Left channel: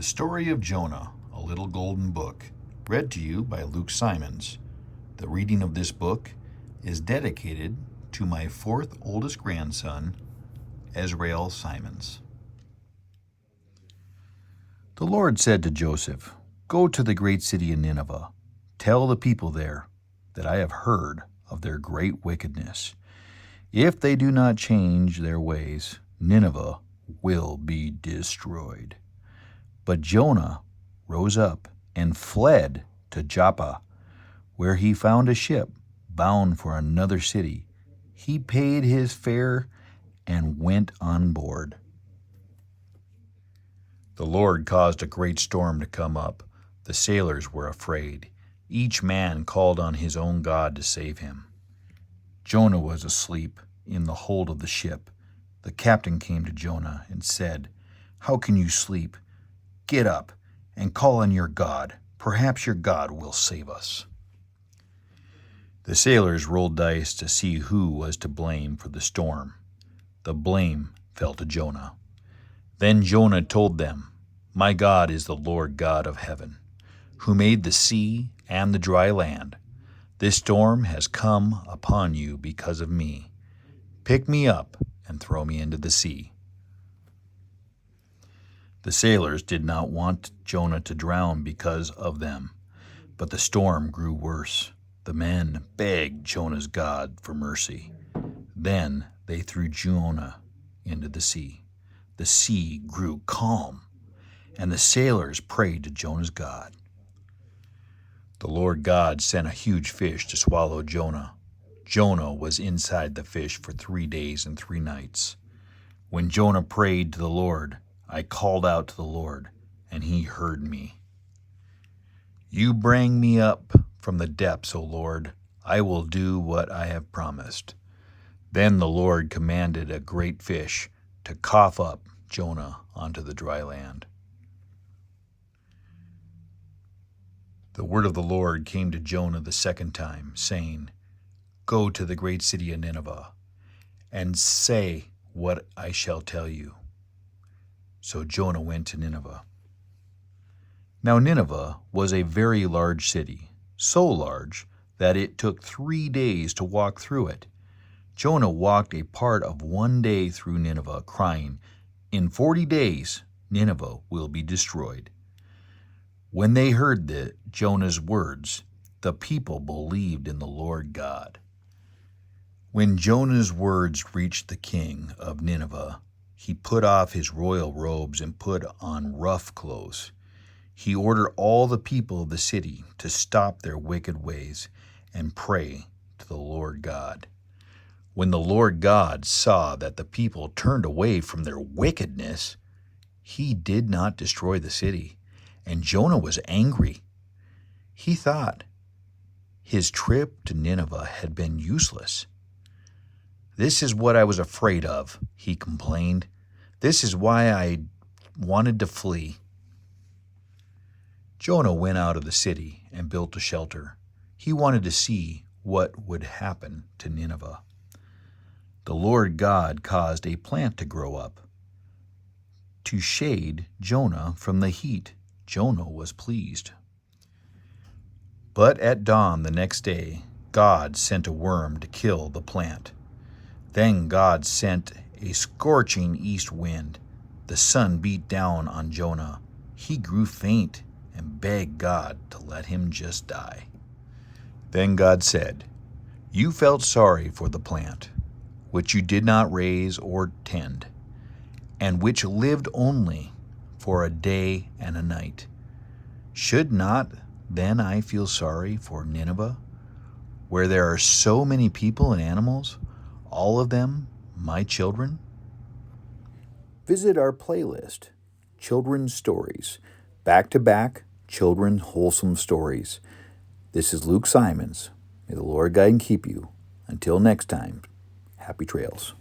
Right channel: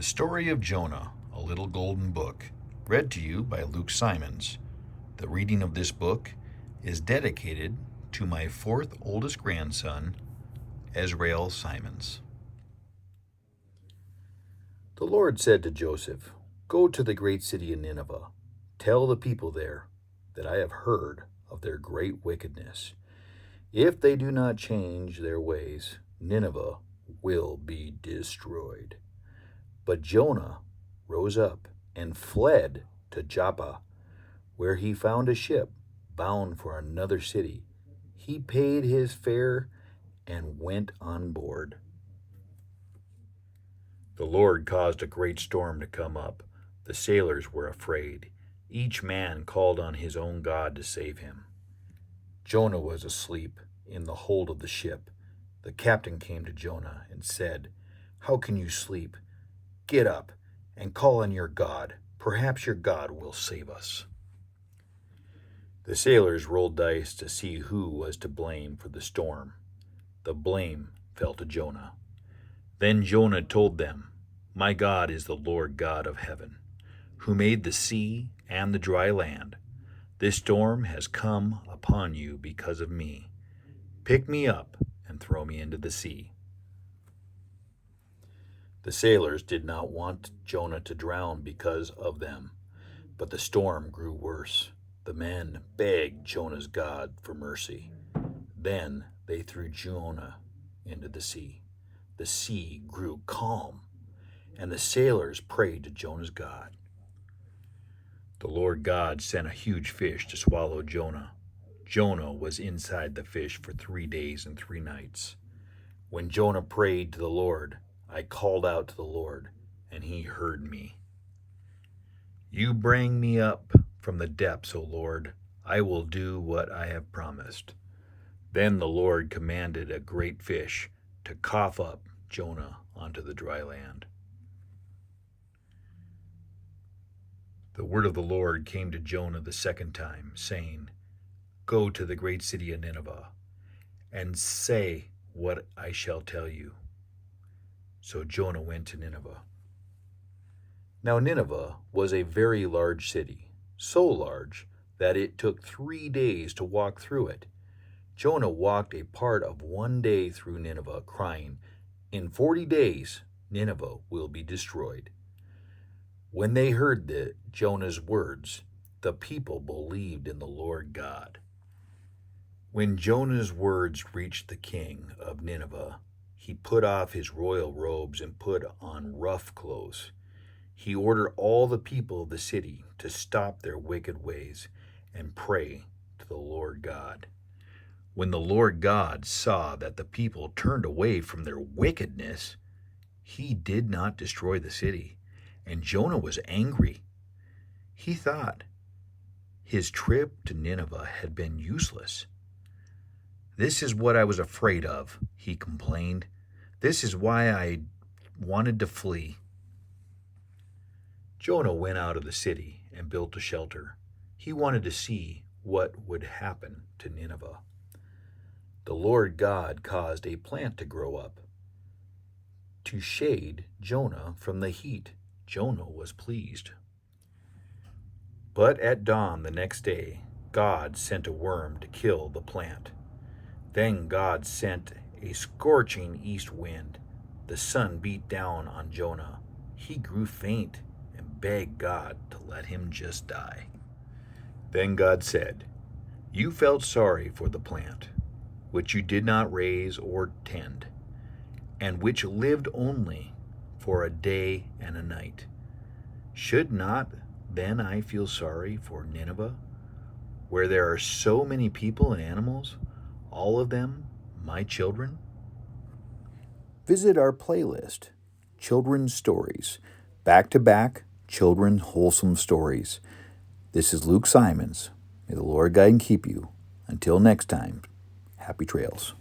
The Story of Jonah, a Little Golden Book, read to you by Luke Simons. The reading of this book is dedicated to my fourth oldest grandson, Esrael Simons. The Lord said to Joseph, "Go to the great city of Nineveh. Tell the people there that I have heard of their great wickedness. If they do not change their ways, Nineveh will be destroyed." But Jonah rose up and fled to Joppa, where he found a ship bound for another city. He paid his fare and went on board. The Lord caused a great storm to come up. The sailors were afraid. Each man called on his own God to save him. Jonah was asleep in the hold of the ship. The captain came to Jonah and said, "How can you sleep? Get up and call on your God. Perhaps your God will save us." The sailors rolled dice to see who was to blame for the storm. The blame fell to Jonah. Then Jonah told them, "My God is the Lord God of heaven, who made the sea and the dry land. This storm has come upon you because of me. Pick me up and throw me into the sea." The sailors did not want Jonah to drown because of them, but the storm grew worse. The men begged Jonah's God for mercy. Then they threw Jonah into the sea. The sea grew calm, and the sailors prayed to Jonah's God. The Lord God sent a huge fish to swallow Jonah. Jonah was inside the fish for 3 days and 3 nights. When Jonah prayed to the Lord, I called out to the Lord, and he heard me. "You bring me up from the depths, O Lord. I will do what I have promised." Then the Lord commanded a great fish to cough up Jonah onto the dry land. The word of the Lord came to Jonah the second time, saying, "Go to the great city of Nineveh, and say what I shall tell you." So Jonah went to Nineveh. Now Nineveh was a very large city, so large that it took 3 days to walk through it. Jonah walked a part of 1 day through Nineveh, crying, "In 40 days Nineveh will be destroyed." When they heard Jonah's words, the people believed in the Lord God. When Jonah's words reached the king of Nineveh, he put off his royal robes and put on rough clothes. He ordered all the people of the city to stop their wicked ways and pray to the Lord God. When the Lord God saw that the people turned away from their wickedness, he did not destroy the city, and Jonah was angry. He thought his trip to Nineveh had been useless. "This is what I was afraid of," he complained. "This is why I wanted to flee." Jonah went out of the city and built a shelter. He wanted to see what would happen to Nineveh. The Lord God caused a plant to grow up to shade Jonah from the heat. Jonah was pleased. But at dawn the next day, God sent a worm to kill the plant. Then God sent a scorching east wind. The sun beat down on Jonah. He grew faint and begged God to let him just die. Then God said, "You felt sorry for the plant, which you did not raise or tend, and which lived only for a day and a night. Should not then I feel sorry for Nineveh, where there are so many people and animals, all of them my children?" Visit our playlist, Children's Stories, back-to-back children's wholesome stories. This is Luke Simons. May the Lord guide and keep you. Until next time, happy trails.